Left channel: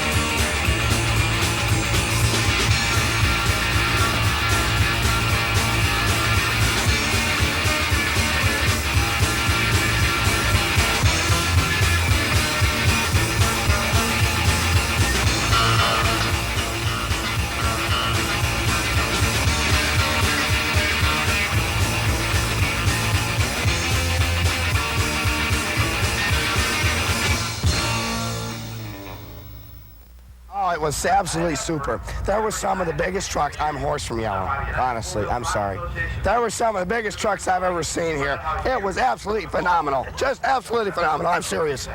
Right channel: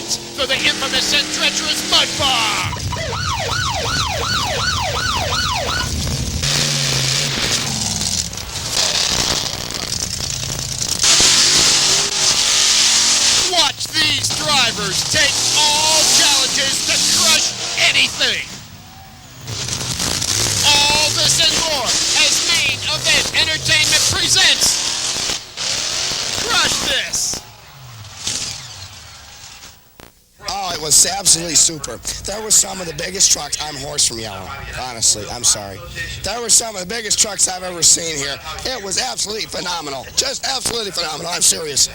heads for the infamous and treacherous Mud Bomb. Watch these drivers take all challenges to crush anything. All this and more as Main Event Entertainment presents Crush This. Oh, it was absolutely super. That was some of the biggest trucks. I'm hoarse from yelling. Honestly, I'm sorry. That was some of the biggest trucks I've ever seen here. It was absolutely phenomenal. Just absolutely phenomenal. I'm serious.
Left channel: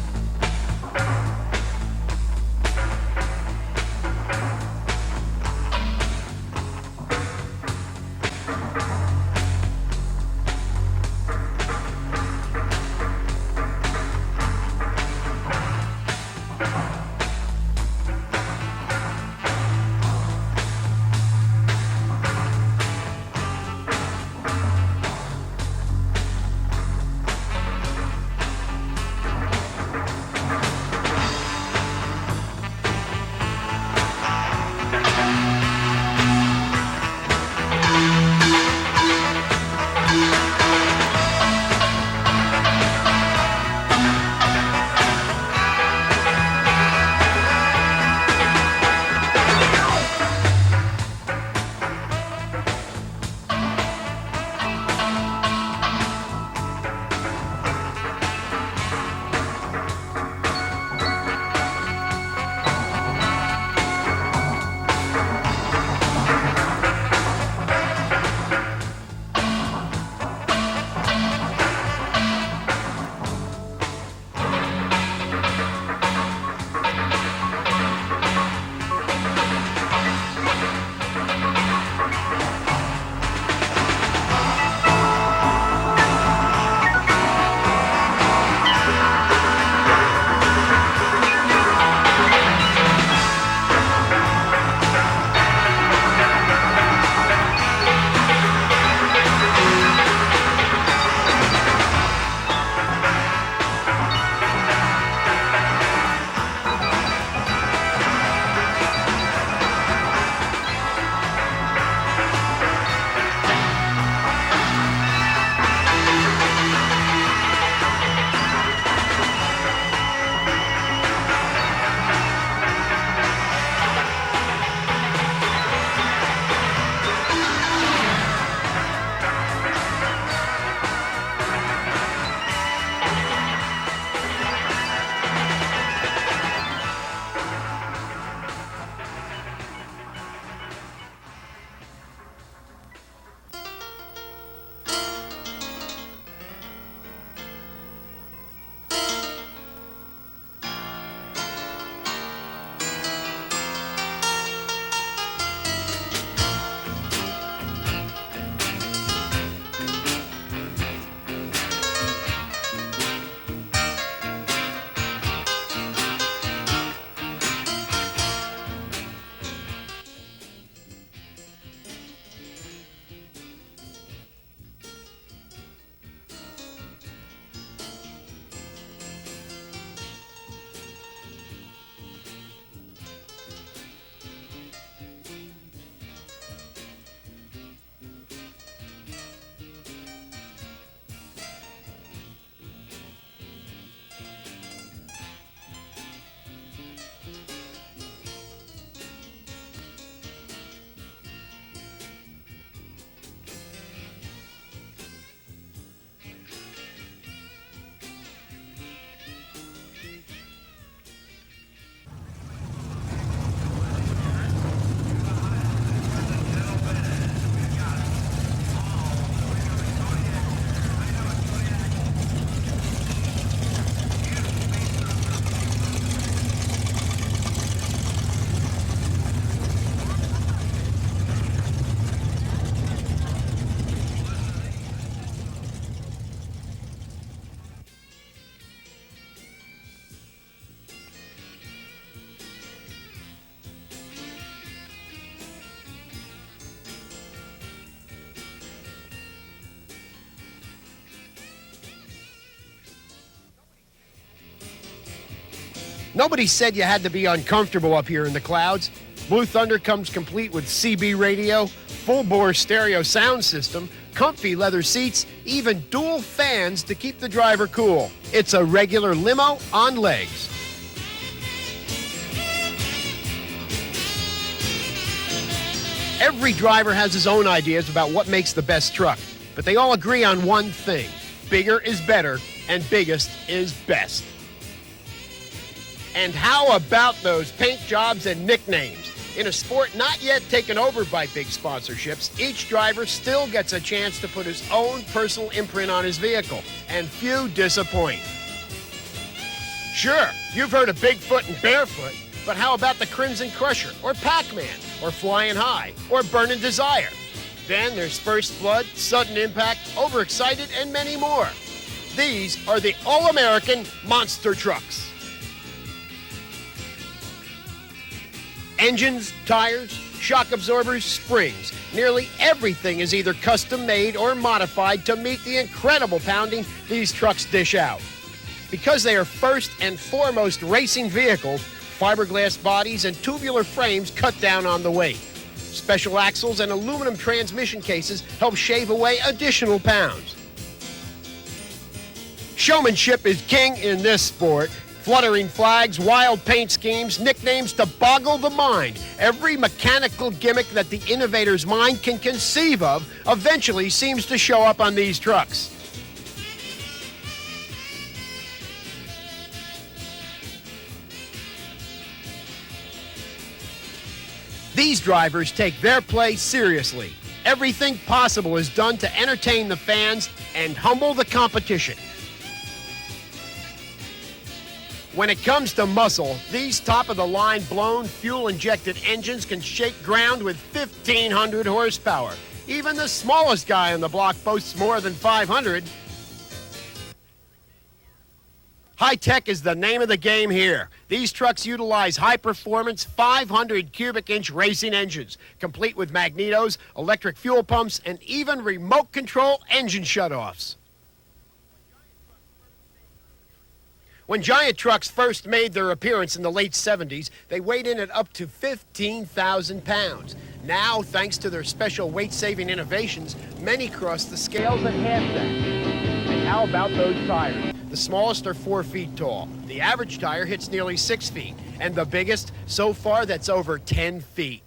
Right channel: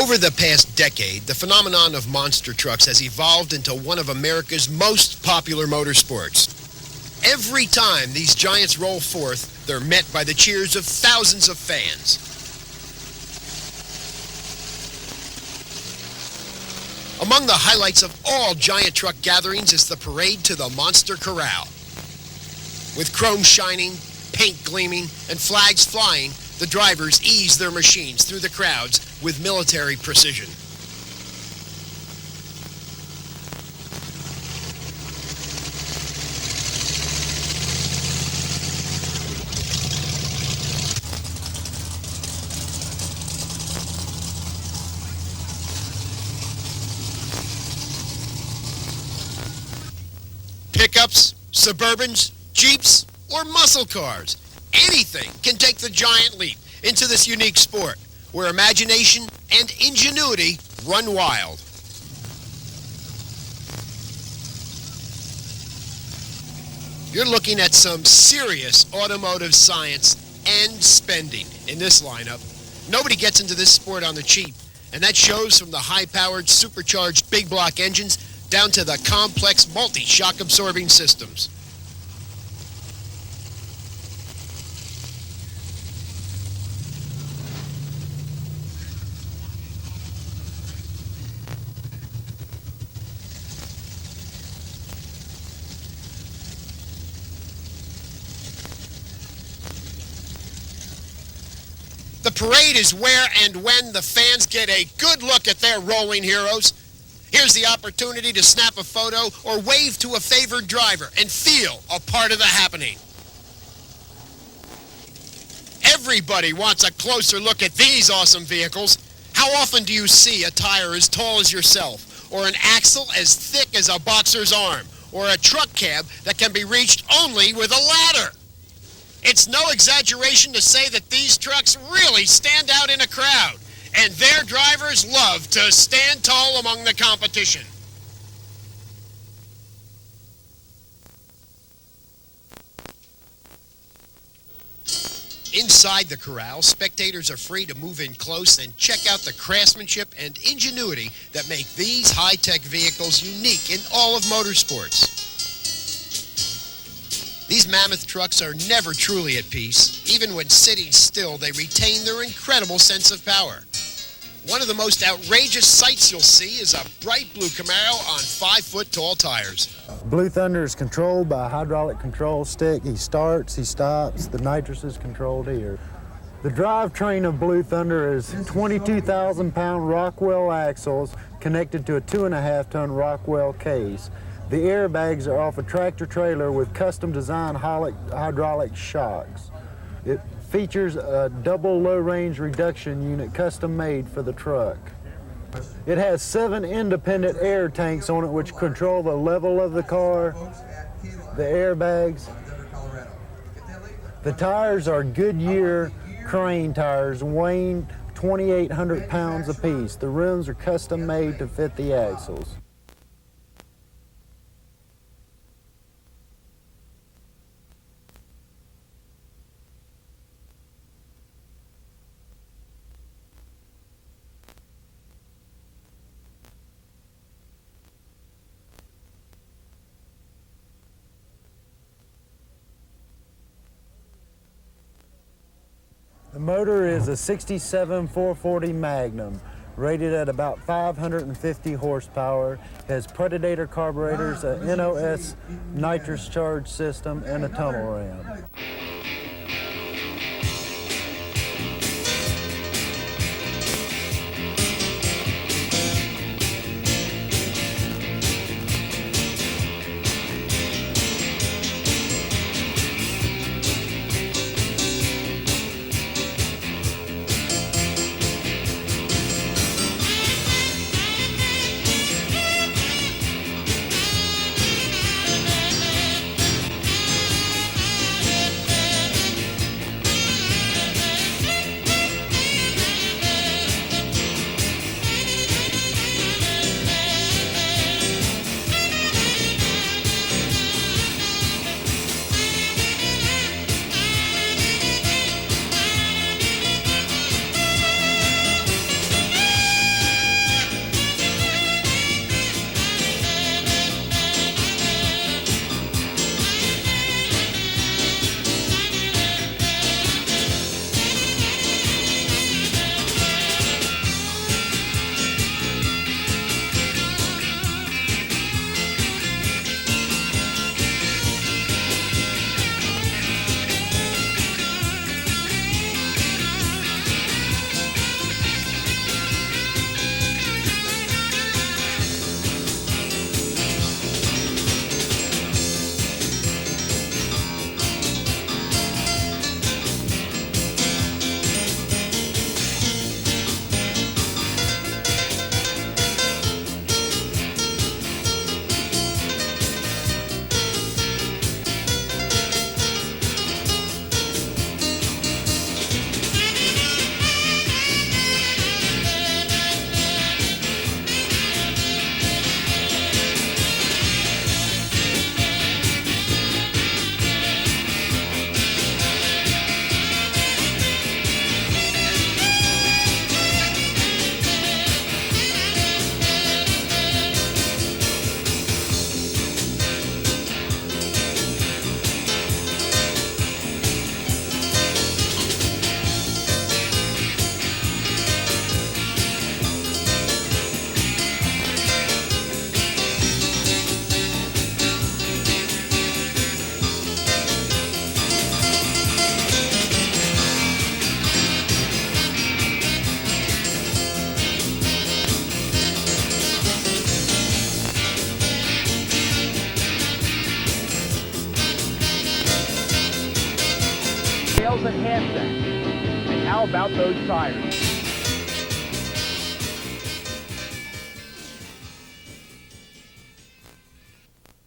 Over the past decade, the phenomenon of monster trucks has evolved into one of America's most popular motorsports. Every time these giants roll forth, they're met by the cheers of thousands of fans. Among the highlights of all giant truck gatherings is the parade to the Monster Corral. With chrome shining, paint gleaming, and flags flying, the drivers ease their machines through the crowds with military precision. Pickups, Suburbans, Jeeps, or muscle cars. Anything can take the giant leap into this unique sport where imagination and ingenuity run wild. We're looking at some serious automotive science and spending in this lineup. Nobody gets into this sport on the cheap, and that shows from the high-powered supercharged big block engines down to the complex multi-shock absorbing systems. Parade is where and when the fans get a good look at their rolling heroes. Here's the opportunity to snap a photo or wave to a favored driver and feel a part of the happening. Everybody wants a closer look at these awesome vehicles. How often do you see a tire as tall as yourself, or an axle as thick as a boxer's arm, or a truck cab that can be reached only with a ladder? It's no exaggeration to say that these trucks really stand out in a crowd, and their drivers love to stand tall among the competition. Inside the corral, spectators are free to move in close and check out the craftsmanship and ingenuity that make these high-tech vehicles unique in all of motorsports. These mammoth trucks are never truly at peace. Even when sitting still, they retain their incredible sense of power. One of the most outrageous sights you'll see is a bright blue Camaro on 5-foot-tall tires. Blue Thunder is controlled by a hydraulic control stick. He starts, he stops. The nitrous is controlled here. The drivetrain of Blue Thunder is 22,000-pound Rockwell axles connected to a 2.5-ton Rockwell case. The airbags are off a tractor trailer with custom-designed hydraulic shocks. It features a double low-range reduction unit custom-made for the truck. It has 7 independent air tanks on it which control the level of the car, the airbags. The tires are Goodyear Crane tires weighing 2,800 pounds apiece. The rims are custom-made to fit the axles. Motor is a 67 440 Magnum, rated at about 550 horsepower. Has Predator carburetors, a NOS nitrous charge system, and a tunnel ram. Nobody said you had to be uncomfortable up here in the clouds. Blue Thunder comes complete with CB radio, full-bore stereo sound system, comfy leather seats, even dual fans to keep the driver cool. It's a regular limo on legs. Every driver has his own ideas about what makes the best truck, but they all agree on one thing. Bigger is better, and biggest is best. And how about those paint jobs and nicknames? In a sport not yet taken over by big sponsorships, each driver still gets a chance to put his own personal imprint on his vehicle, and few disappoint. Sure, you've heard of Bigfoot and Barefoot, but how about the Crimson Crusher, or Packman, or Flying High, or Burning Desire? Then there's First Blood, Sudden Impact, Overexcited, and many more. These are the all-American monster trucks. Engines, tires, shock absorbers, springs. Nearly everything is either custom made or modified to meet the incredible pounding these trucks dish out. Because they are first and foremost racing vehicles, fiberglass bodies and tubular frames cut down on the weight. Special axles and aluminum transmission cases help shave away additional pounds. Showmanship is king in this sport. Fluttering flags, wild paint schemes, nicknames to boggle the mind. Every mechanical gimmick that the innovator's mind can conceive of eventually seems to show up on these trucks. These drivers take their play seriously. Everything possible is done to entertain the fans and humble the competition. When it comes to muscle, these top-of-the-line blown, fuel-injected engines can shake ground with 1,500 horsepower. Even the smallest guy on the block boasts more than 500. High-tech is the name of the game here. These trucks utilize high-performance 500 cubic inch racing engines, complete with magnetos, electric fuel pumps, and even remote-controlled engine shutoffs. When giant trucks first made their appearance in the late 70s, they weighed in at up to 15,000 pounds. Now, thanks to their special weight-saving innovations, many cross the scales at half that. And how about those tires? The smallest are 4 feet tall. The average tire hits nearly 6 feet. And the biggest, so far, that's over 10 feet.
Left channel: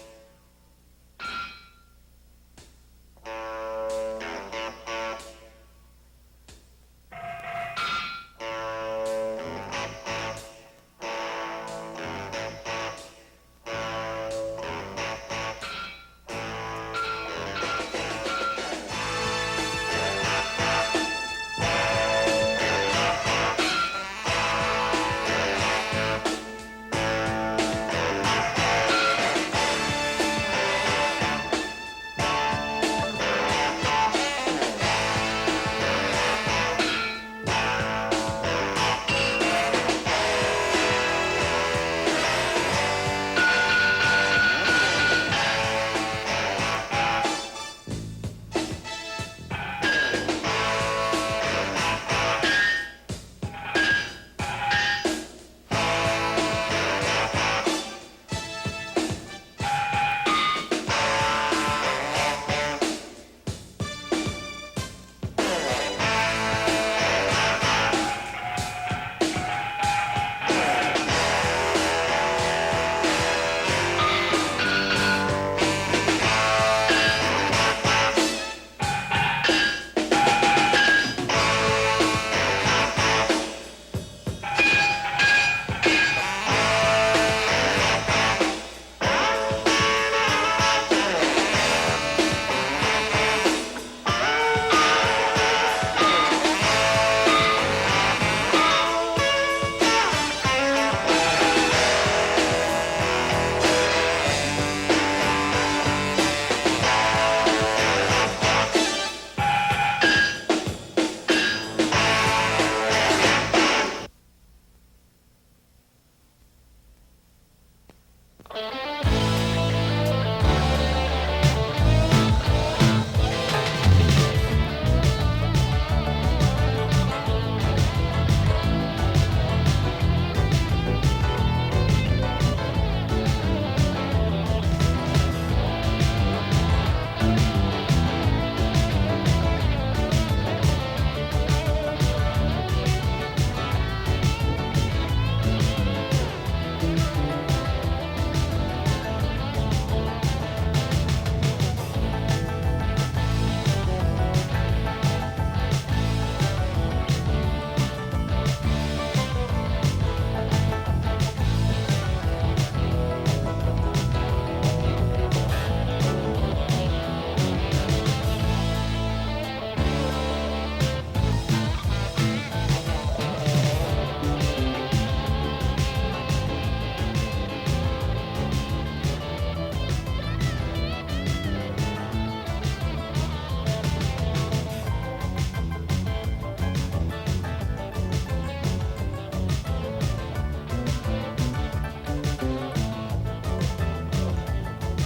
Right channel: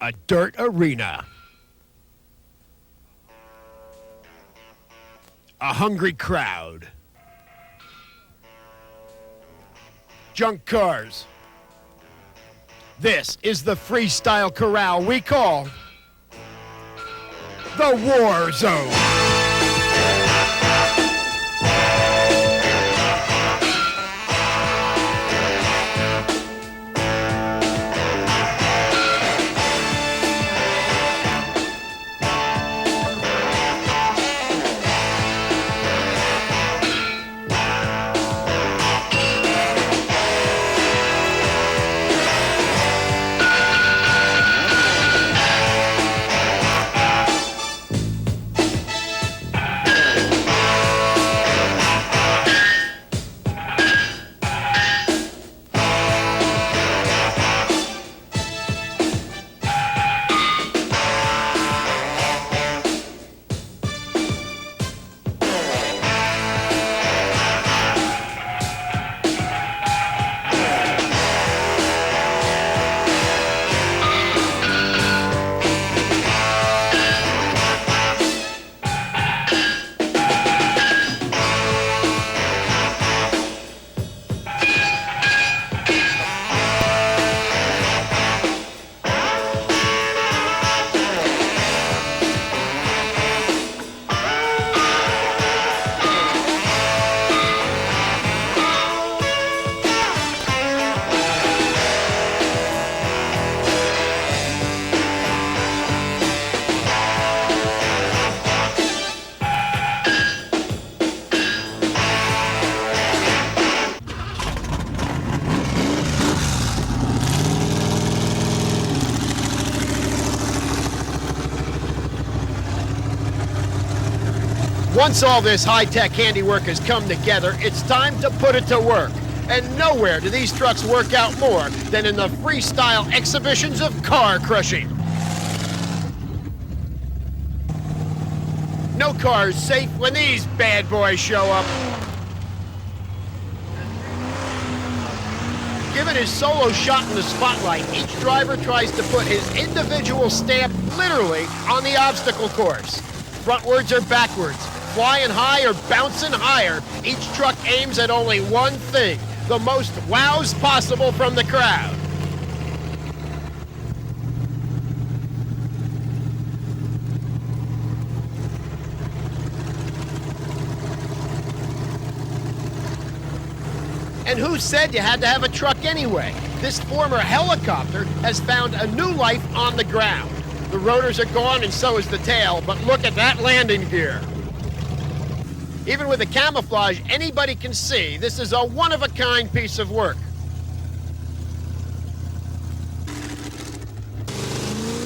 A dirt arena. A hungry crowd. Junk cars. This is the freestyle corral we call the War Zone. Once all this high-tech handiwork has come together, it's time to put it to work. And nowhere do these trucks work out more than in the freestyle exhibitions of car crushing. No car is safe when these bad boys show up. Given his solo shot in the spotlight, each driver tries to put his individual stamp literally on the obstacle course. Frontwards or backwards, flying high or bouncing higher, each truck aims at only one thing: the most wows possible from the crowd. And who said you had to have a truck anyway? This former helicopter has found a new life on the ground. The rotors are gone and so is the tail, but look at that landing gear. Even with the camouflage, anybody can see this is a one-of-a-kind piece of work.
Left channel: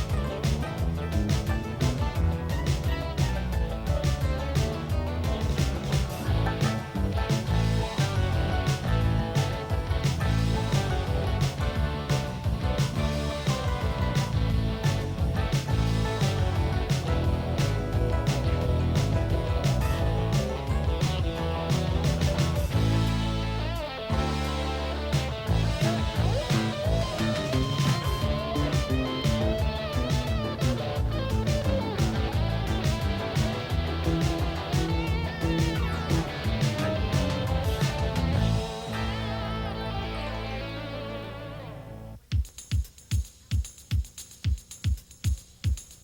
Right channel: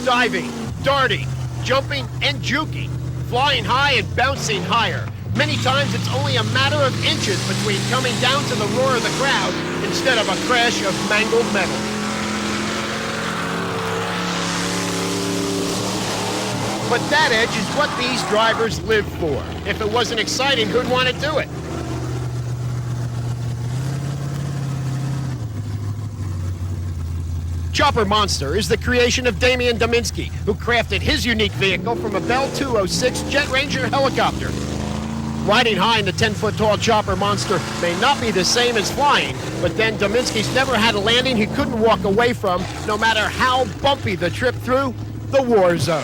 Diving, darting, jumping, and juking, flying high and bouncing higher. Many times it's only a matter of inches between coming down to the roar of the crowd instead of a crash of mangled metal. But that edge is what these drivers live for. If it wasn't exciting, who'd want to do it? Chopper Monster is the creation of Damian Dominski, who crafted his unique vehicle from a Bell 206 Jet Ranger helicopter. Riding high in the 10-foot-tall Chopper Monster may not be the same as flying, but then Dominski's never had a landing he couldn't walk away from, no matter how bumpy the trip through the war zone.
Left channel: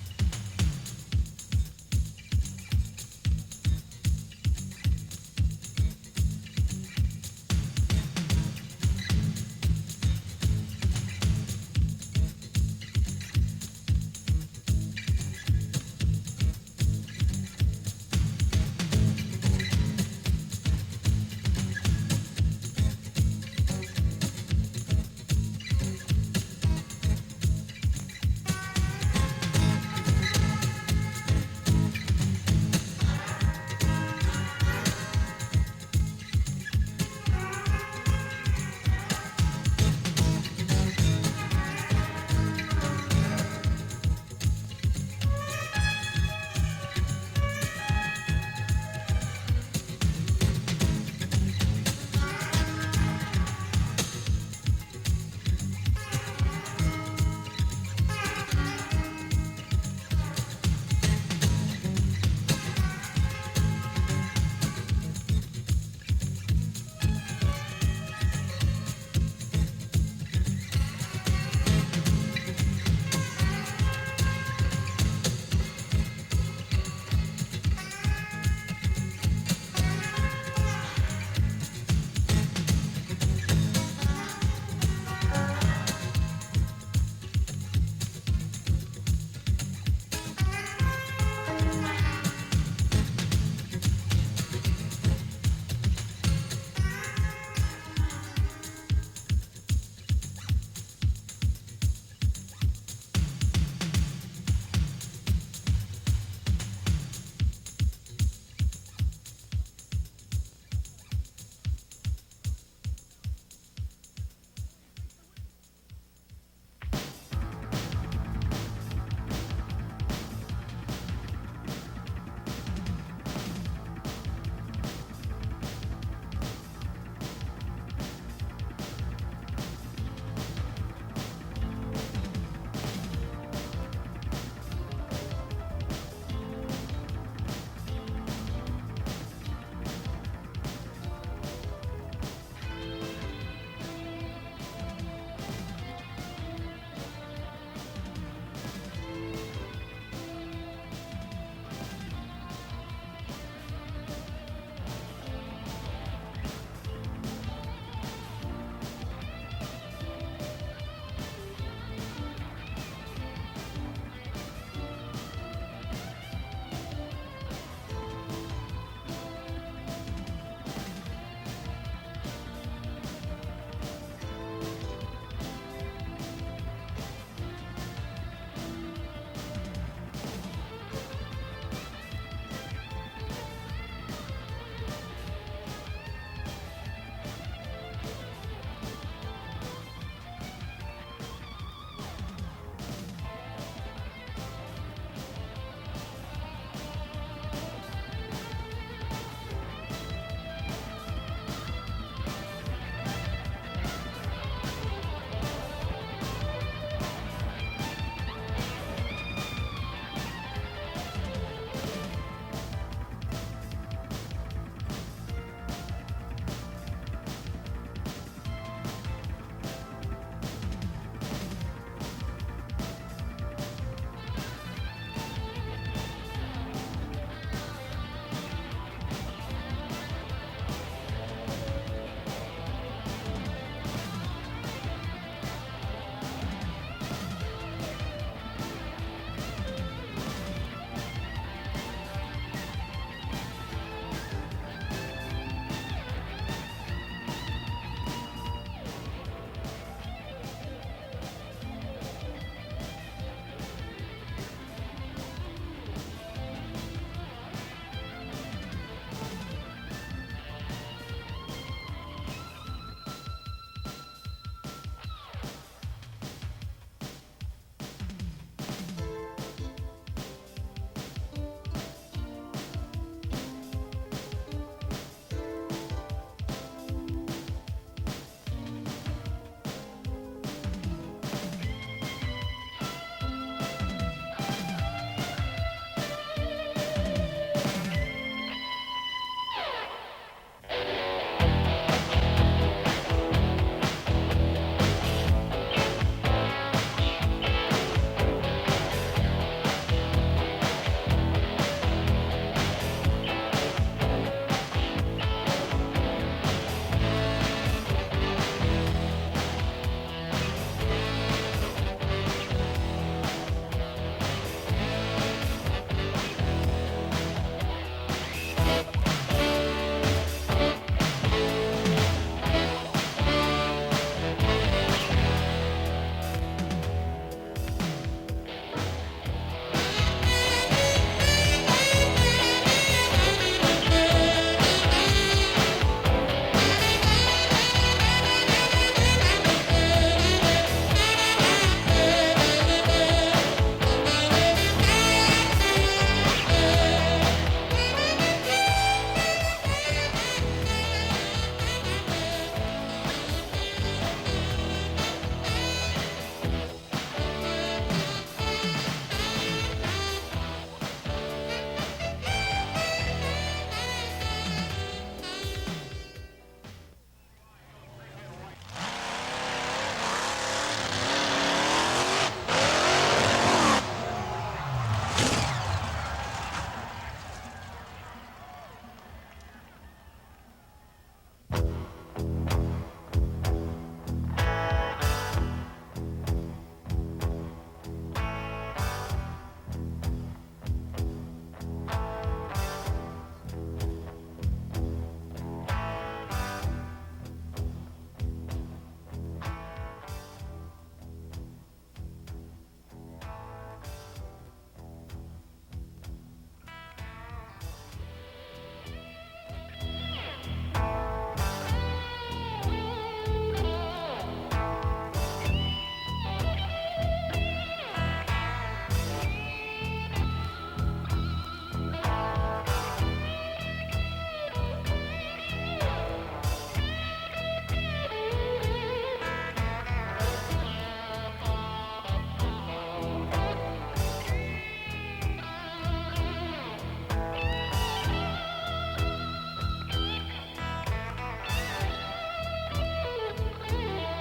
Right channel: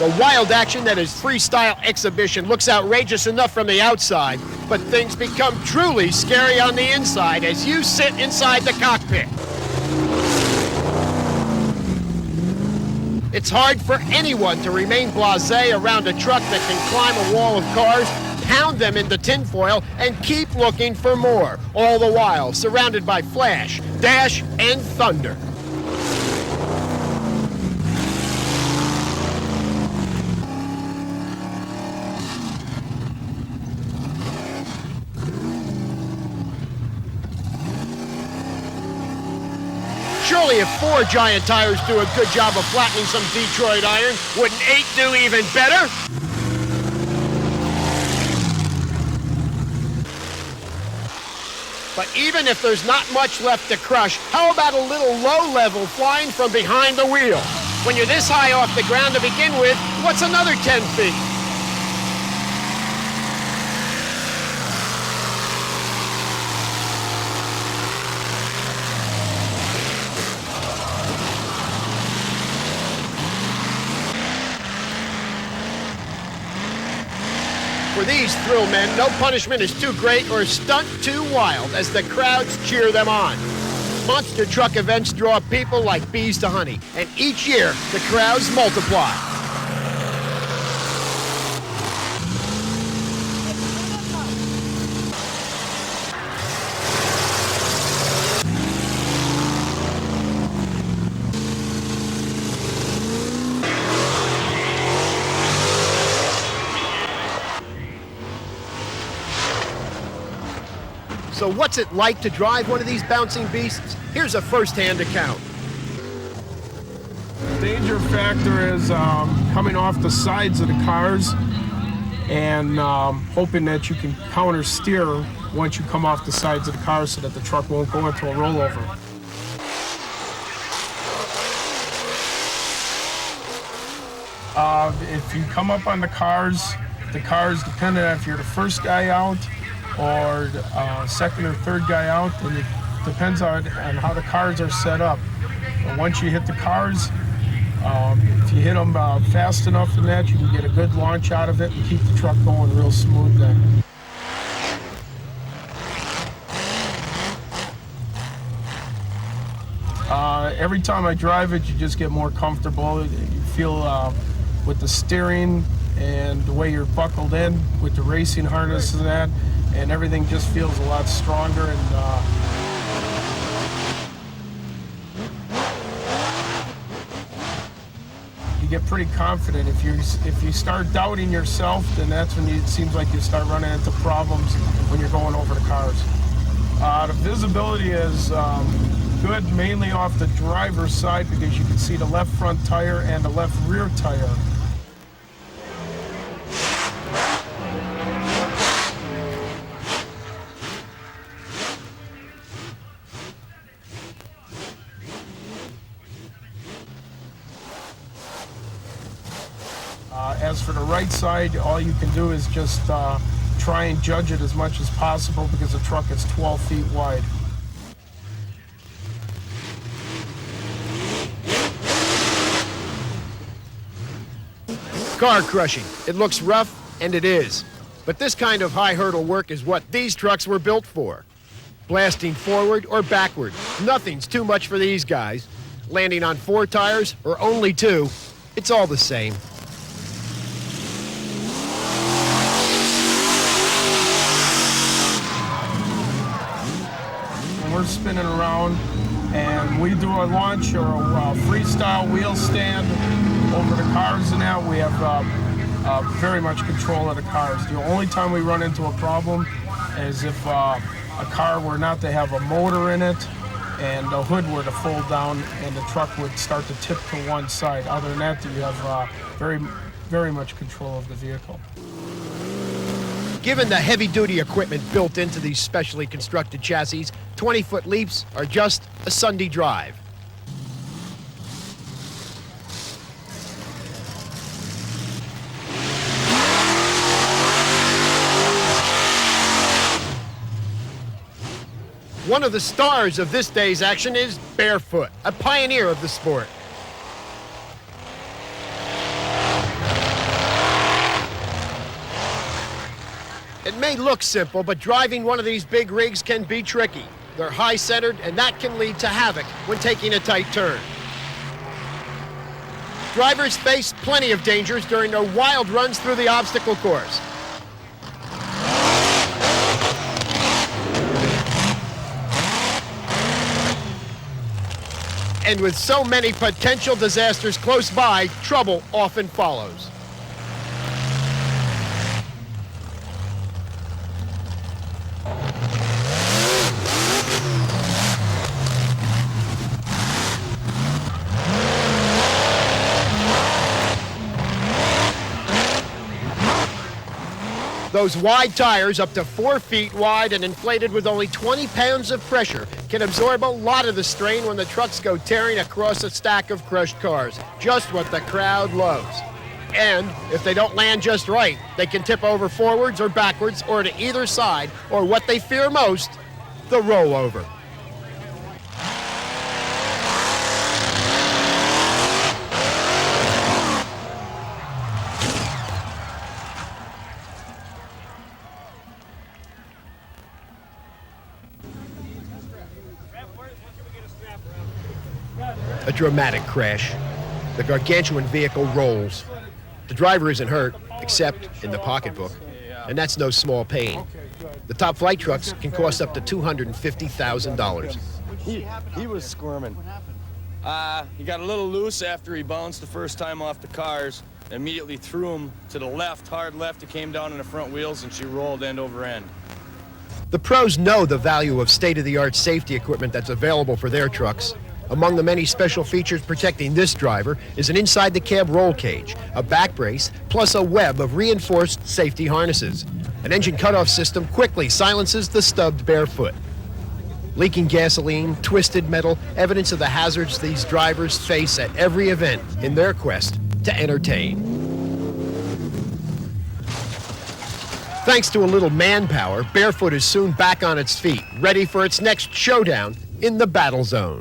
The wild action that is freestyle exhibition looks outrageous enough from the outside, but things become truly scary on the inside as you sit inside the cockpit. It's hard for anyone to remain blasé around a truck that can climb a wall of cars, pound them into tinfoil, and keep looking for more, all the while surrounded by flash, dash, and thunder. Surely if 4 giant tires do a good job of flattening some Detroit iron, wouldn't 8 do even better? But even if there's not much left to crush, how about a little low-level flying from behind the wheel? When you're this high off the ground to begin with, what's another 10 feet? For these thrill men, no punishment is too great or stunt too wild as the crowds cheer them on. Monster truck events draw people like bees to honey, and each year the crowds multiply. So what's it like to drive one of these bouncing beasts? Here's a first-hand account. Danger factor is coming off the sides of the cars and hoping that you can counter steer once you come off the sides of the car so that the truck won't go into a rollover. If you come up on the cars, depending on if you're the first guy out or second or third guy out, then it depends on how the cars are set up. But once you hit the cars, if you hit them fast enough in that, you can get a good launch out of it and keep the truck going real smooth then. Every time I drive it, you just get more comfortable. You feel with the steering and the way you're buckled in with the racing harness and that, and everything just feels a lot stronger. And you get pretty confident. If you start doubting yourself, then that's when it seems like you start running into problems when you're going over the cars. The visibility is good mainly off the driver's side because you can see the left front tire and the left rear tire. As for the right side, all you can do is just try and judge it as much as possible because the truck is 12 feet wide. Car crushing. It looks rough, and it is. But this kind of high hurdle work is what these trucks were built for. Blasting forward or backward, nothing's too much for these guys. Landing on 4 tires or only 2, it's all the same. We're spinning around and we do a launch or a freestyle wheel stand over the cars and that. We have very much control of the cars. The only time we run into a problem is if a car were not to have a motor in it and the hood were to fold down and the truck would start to tip to one side. Other than that, you have very much control of the vehicle. Given the heavy-duty equipment built into these specially constructed chassis, 20-foot leaps are just a Sunday drive. One of the stars of this day's action is Barefoot, a pioneer of the sport. It may look simple, but driving one of these big rigs can be tricky. They're high-centered, and that can lead to havoc when taking a tight turn. Drivers face plenty of dangers during their wild runs through the obstacle course. And with so many potential disasters close by, trouble often follows. Those wide tires, up to 4 feet wide and inflated with only 20 pounds of pressure, can absorb a lot of the strain when the trucks go tearing across a stack of crushed cars. Just what the crowd loves. And if they don't land just right, they can tip over forwards or backwards or to either side, or what they fear most, the rollover. A dramatic crash. The gargantuan vehicle rolls. The driver isn't hurt, except in the pocketbook, and that's no small pain. The top flight trucks can cost up to $250,000. He was squirming. He got a little loose after he bounced the first time off the cars. Immediately threw him to the left, hard left. He came down on the front wheels, and she rolled end over end. The pros know the value of state-of-the-art safety equipment that's available for their trucks. Among the many special features protecting this driver is an inside-the-cab roll cage, a back brace, plus a web of reinforced safety harnesses. An engine cutoff system quickly silences the stubbed Barefoot. Leaking gasoline, twisted metal, evidence of the hazards these drivers face at every event in their quest to entertain. Thanks to a little manpower, Barefoot is soon back on its feet, ready for its next showdown in the battle zone.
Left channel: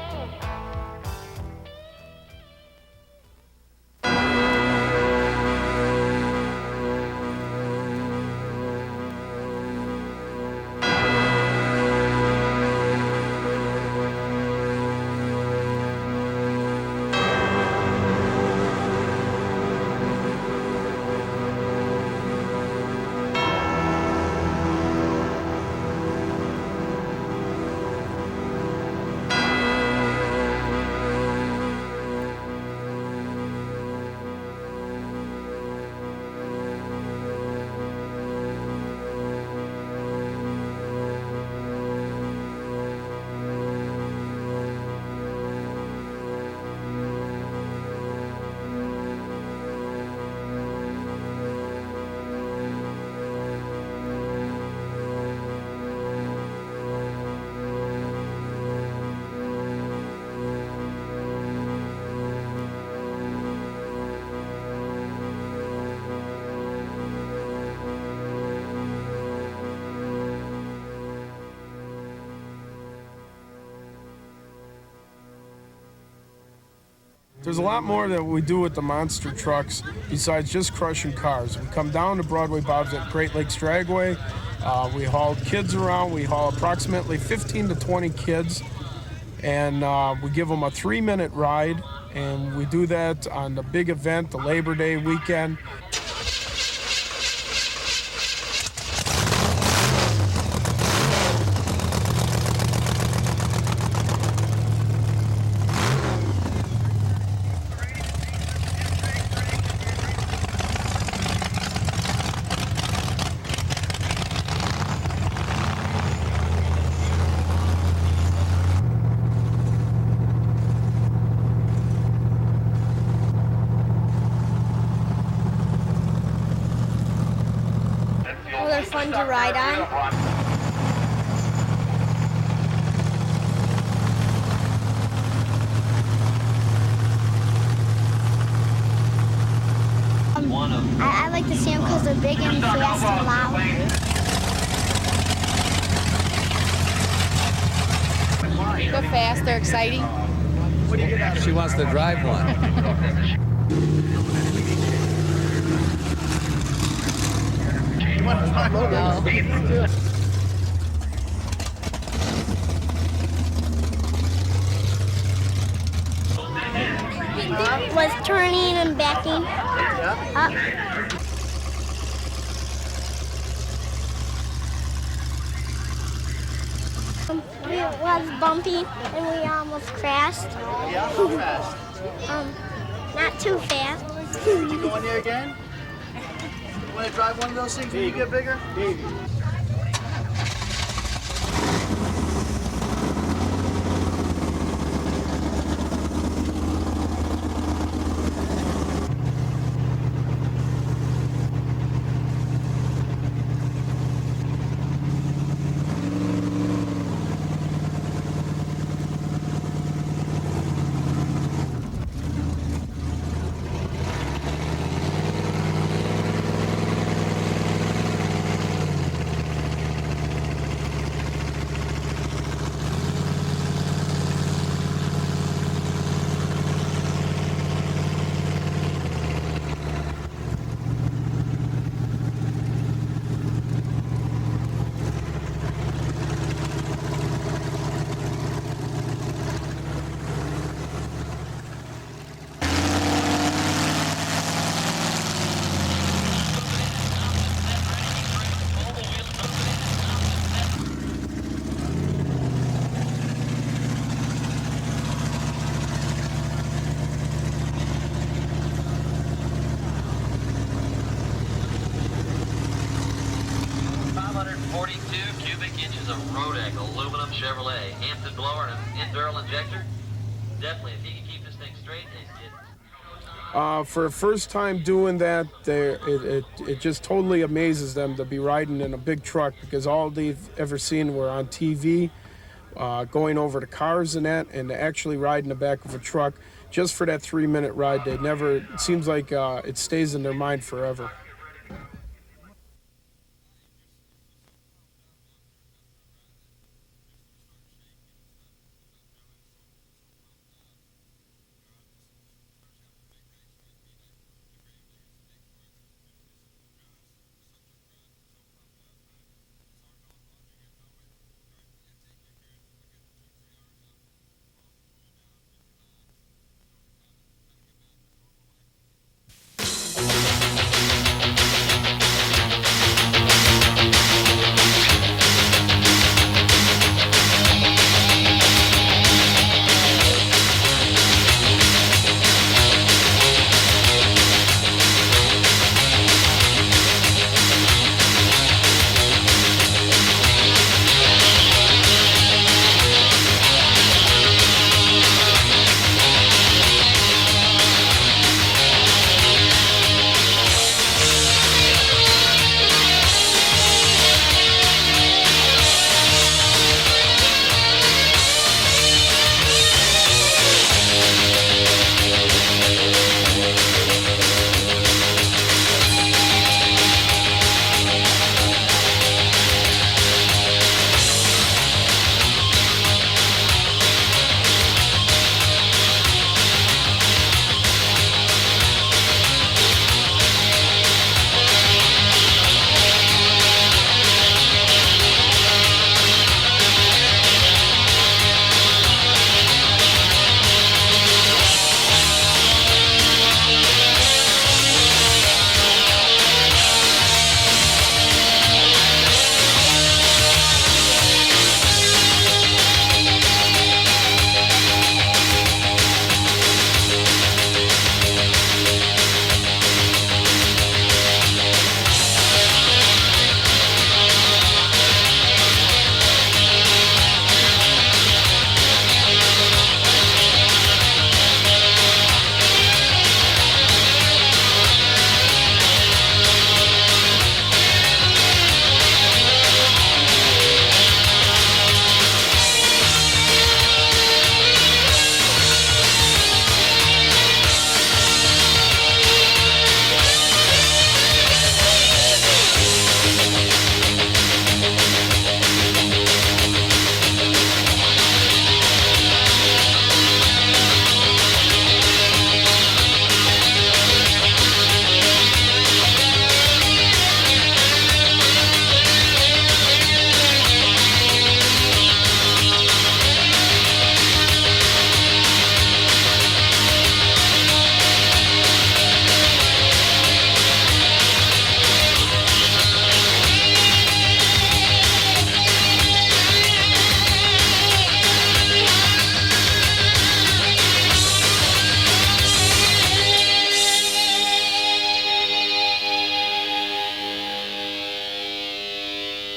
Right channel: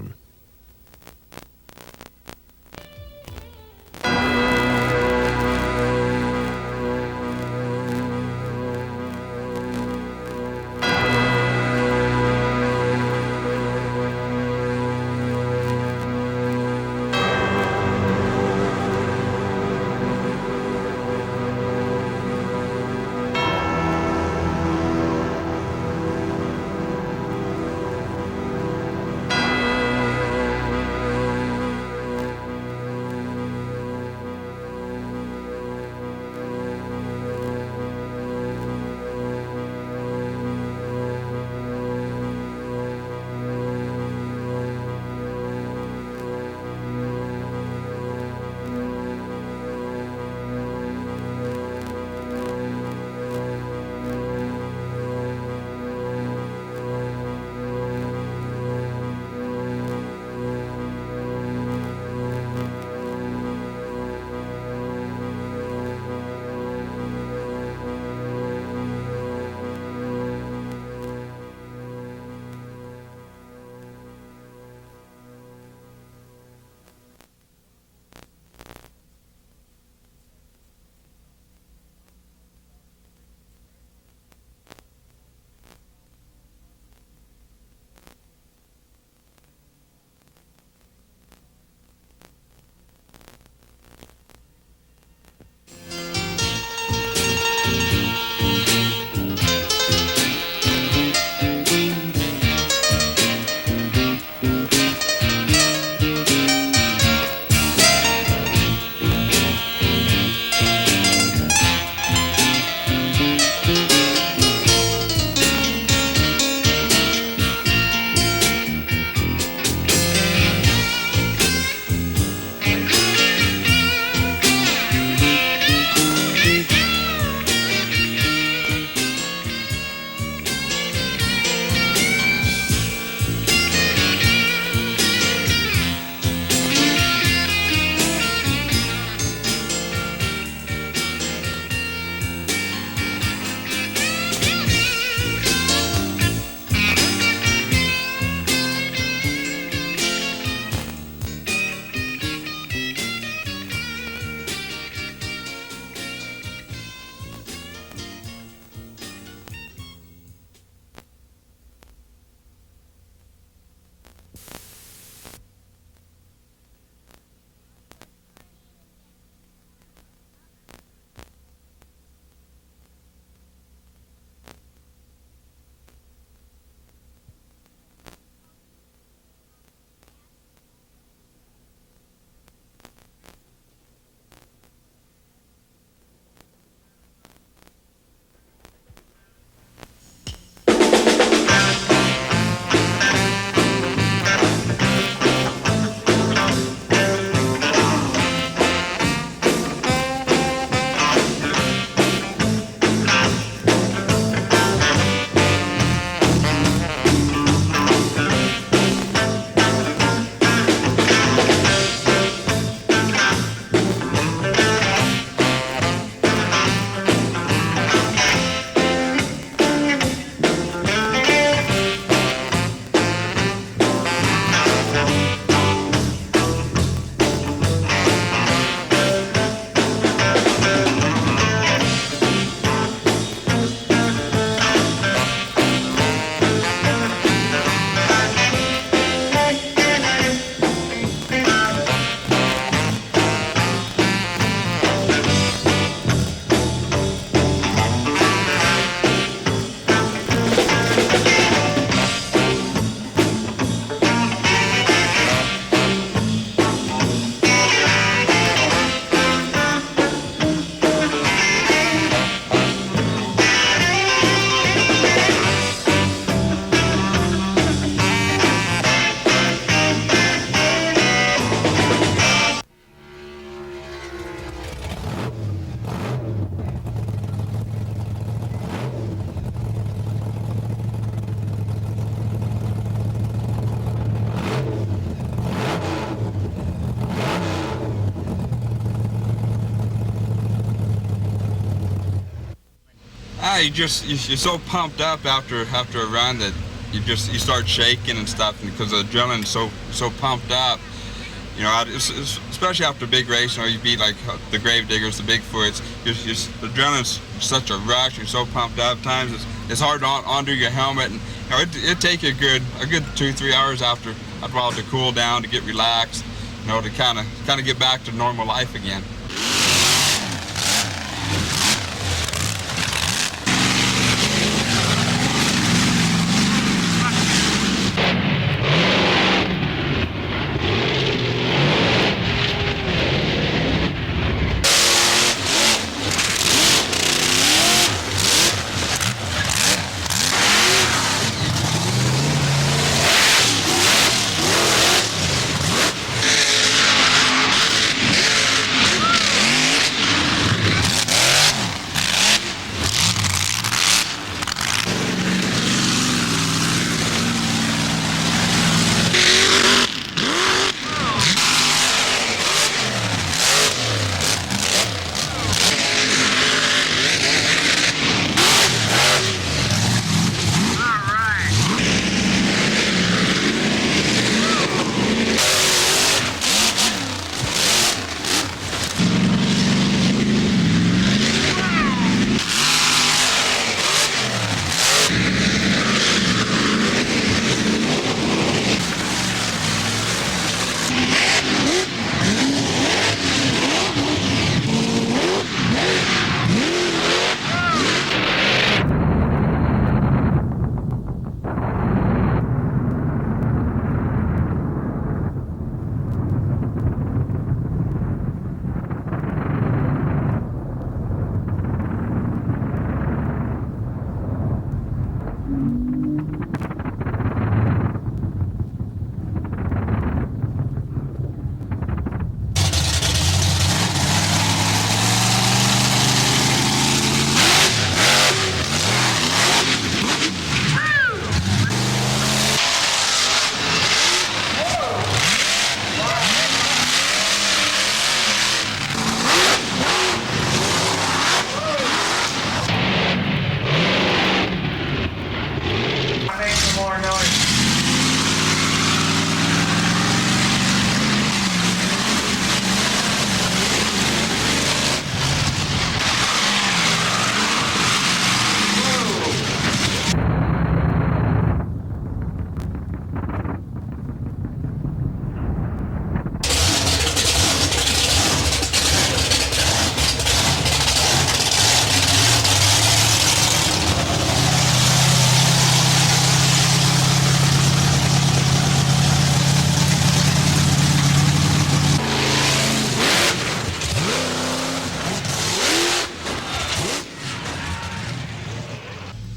There's a lot more that we do with the monster trucks besides just crushing cars. We come down to Broadway Bob's at Great Lakes Dragway. We haul kids around. We haul approximately 15 to 20 kids, and we give them a 3-minute ride, and we do that on the big event, the Labor Day weekend. They're fun to ride on. I like to see them because they're big and fast and loud. They're fast, they're exciting. She wants to drive one. Was turning and backing up. It was bumpy and we almost crashed. Not too fast. You going there again? You want to drive one of those things when you get bigger? For a first time doing that, it just totally amazes them to be riding in a big truck, because all they've ever seen were on TV, going over to cars and that, and actually riding the back of the truck just for that 3-minute ride. They never, it seems like it stays in their mind forever. You're so pumped up after a run that you start shaking and stuff, because the adrenaline's so pumped up. You know, especially after a big race, you know, you beat like the Gravediggers, the Bigfoots. The adrenaline's such a rush. You're so pumped up. At times it's hard to undo your helmet, and you know, it'd take you a good 2-3 hours after a while to cool down, to get relaxed, you know, to kind of get back to normal life again.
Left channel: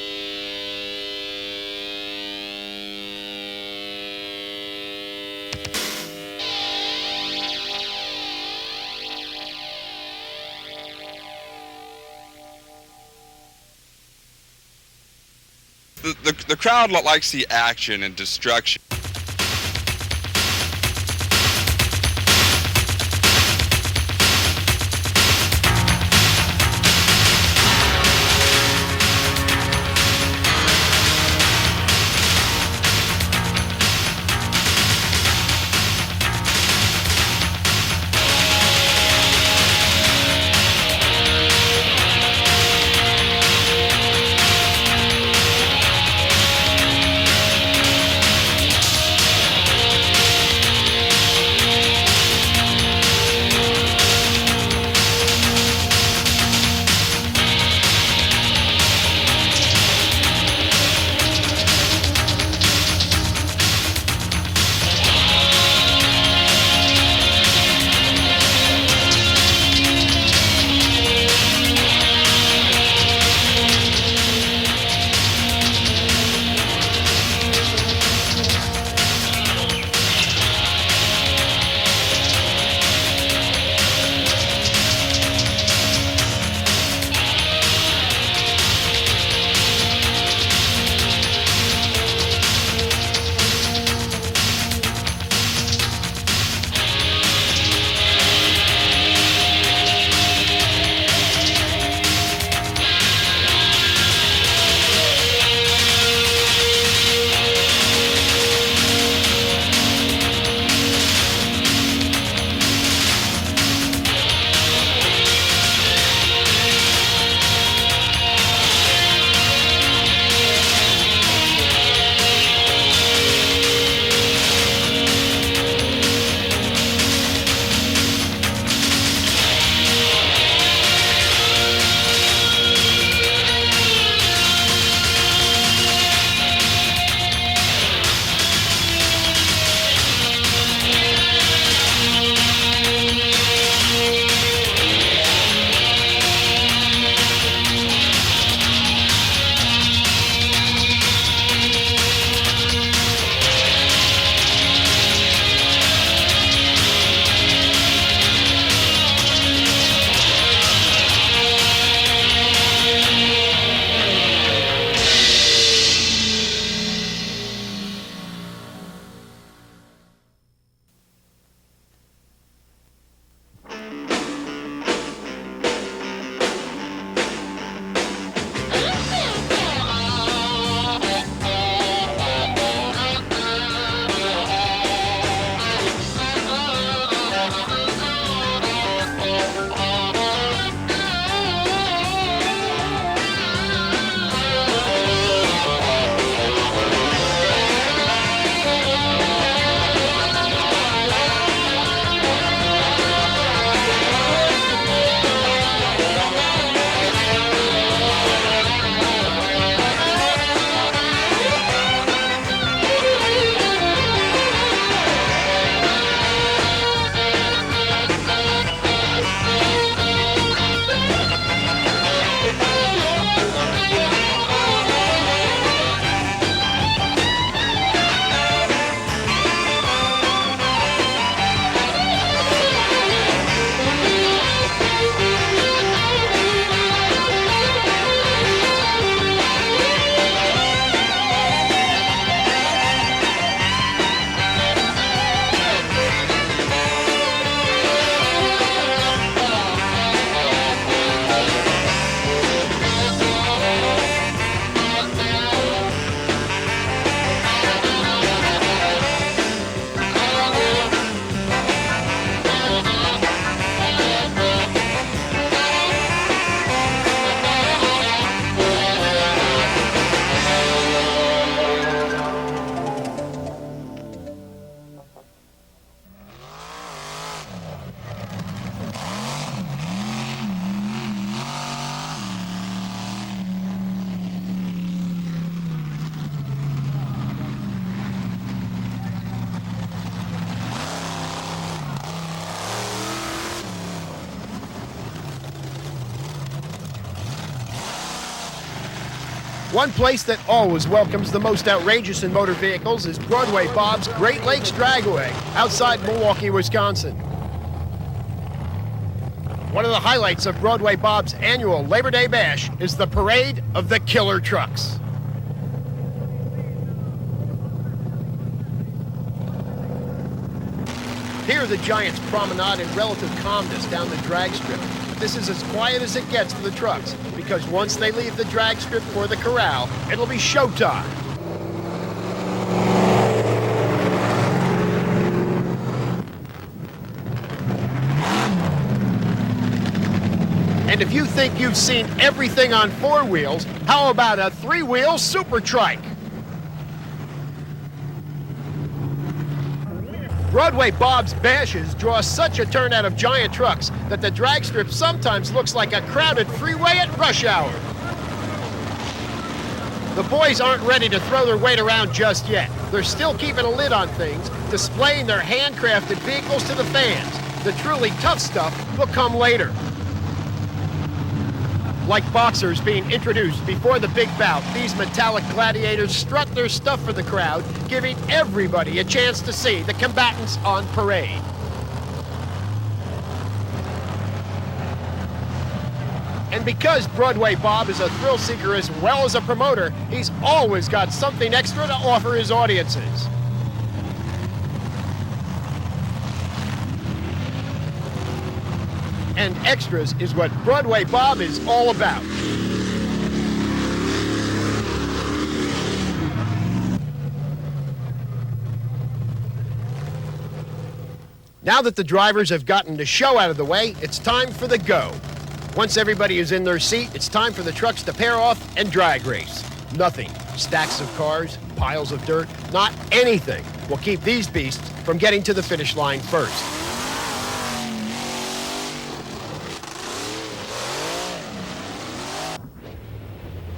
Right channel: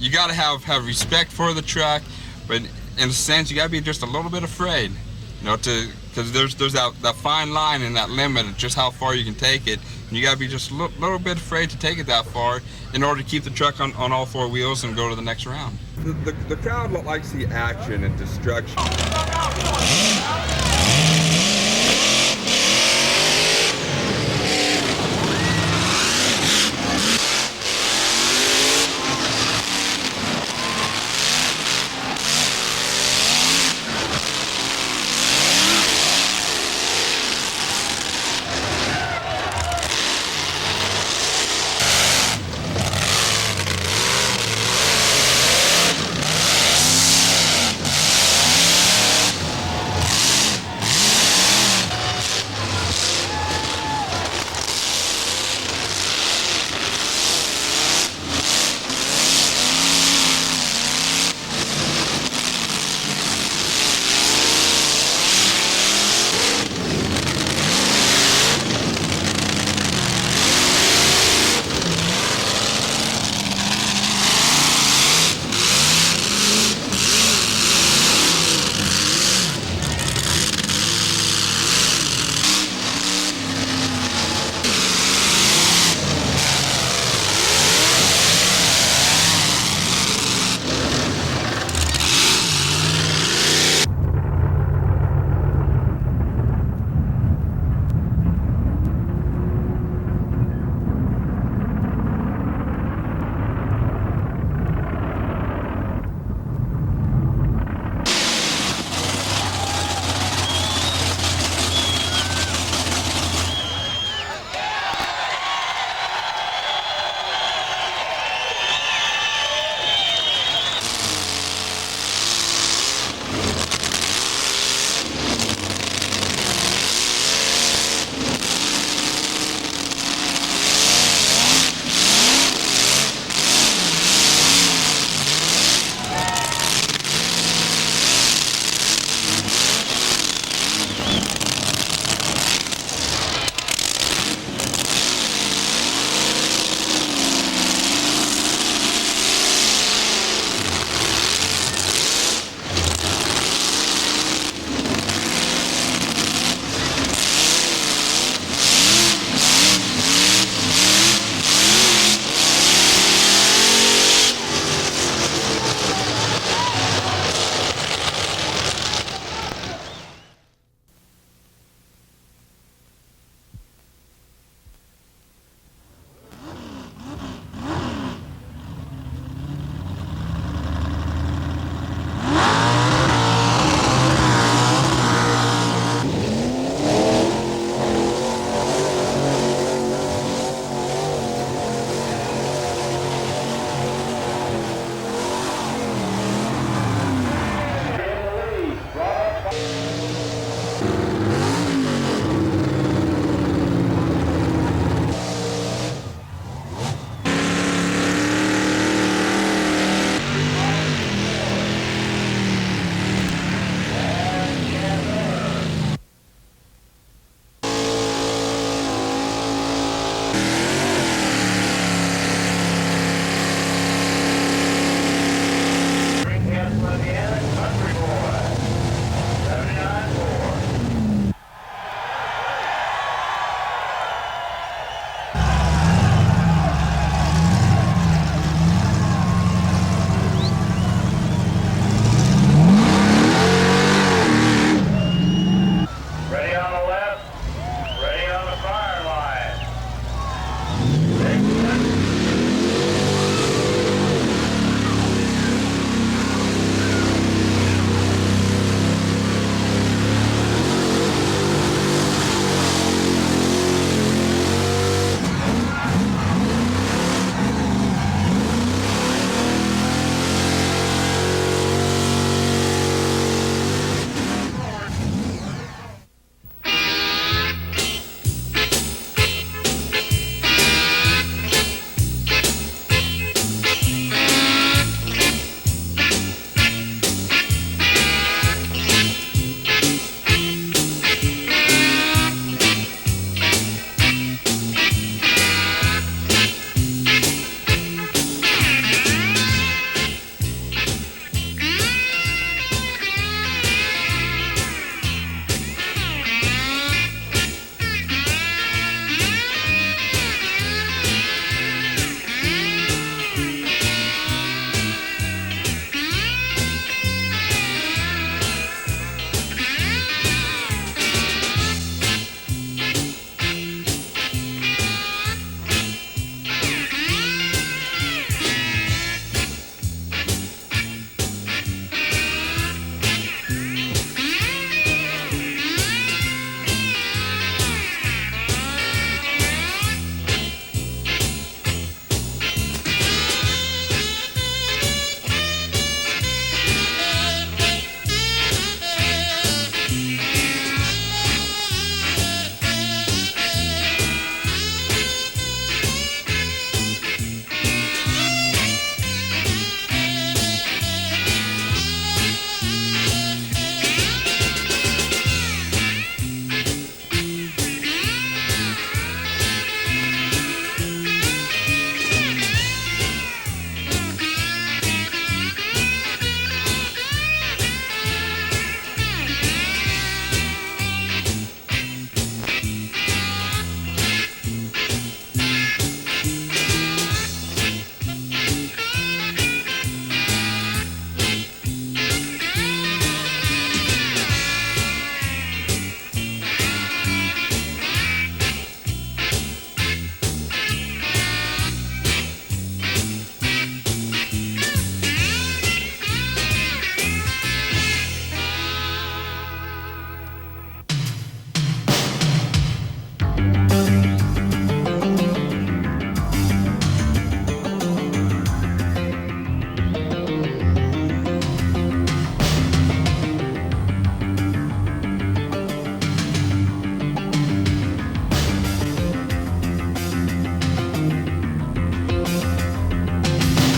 you got to have respect for the truck, but in a sense, you got to be just a little bit afraid, you know, because there's that fine line in that limit of just how far you can take it. And you got to be just a little bit afraid to take it that far in order to keep the truck on all four wheels and go to the next round. The crowd likes the action and destruction. One place that always welcomes the most outrageous in motor vehicles is Broadway Bob's Great Lakes Dragway outside Milwaukee, Wisconsin. One of the highlights of Broadway Bob's annual Labor Day Bash is the parade of the killer trucks. Here the Giants promenade in relative calmness down the drag strip. This is as quiet as it gets for trucks, because once they leave the drag strip or the corral, it'll be showtime. And if you think you've seen everything on four wheels, how about a three-wheel super trike? Broadway Bob's bashes draw such a turnout of giant trucks that the drag strip sometimes looks like a crowded freeway at rush hour. The boys aren't ready to throw their weight around just yet. They're still keeping a lid on things, displaying their handcrafted vehicles to the fans. The truly tough stuff will come later. Like boxers being introduced before the big bout, these metallic gladiators strut their stuff for the crowd, giving everybody a chance to see the combatants on parade. And because Broadway Bob is a thrill seeker as well as a promoter, he's always got something extra to offer his audiences. And extras is what Broadway Bob is all about. Now that the drivers have gotten the show out of the way, it's time for the go. Once everybody is in their seat, it's time for the trucks to pair off and drag race. Nothing, stacks of cars, piles of dirt, not anything will keep these beasts from getting to the finish line first.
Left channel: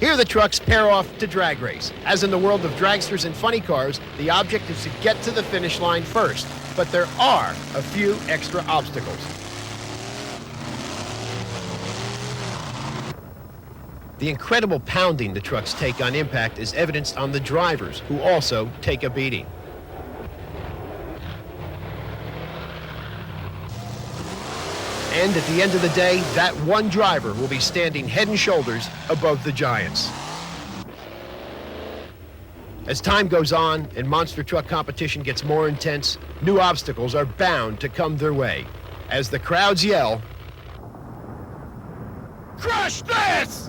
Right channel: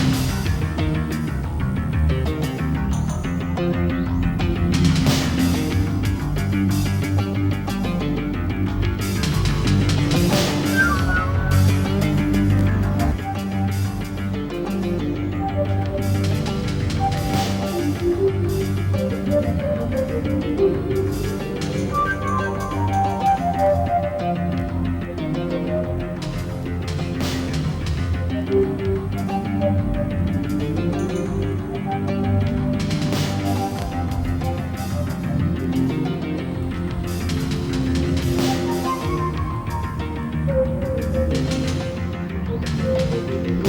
Here the trucks pair off to drag race. As in the world of dragsters and funny cars, the object is to get to the finish line first. But there are a few extra obstacles. The incredible pounding the trucks take on impact is evidenced on the drivers, who also take a beating. And at the end of the day, that one driver will be standing head and shoulders above the giants. As time goes on and monster truck competition gets more intense, new obstacles are bound to come their way. As the crowds yell, "Crush this!"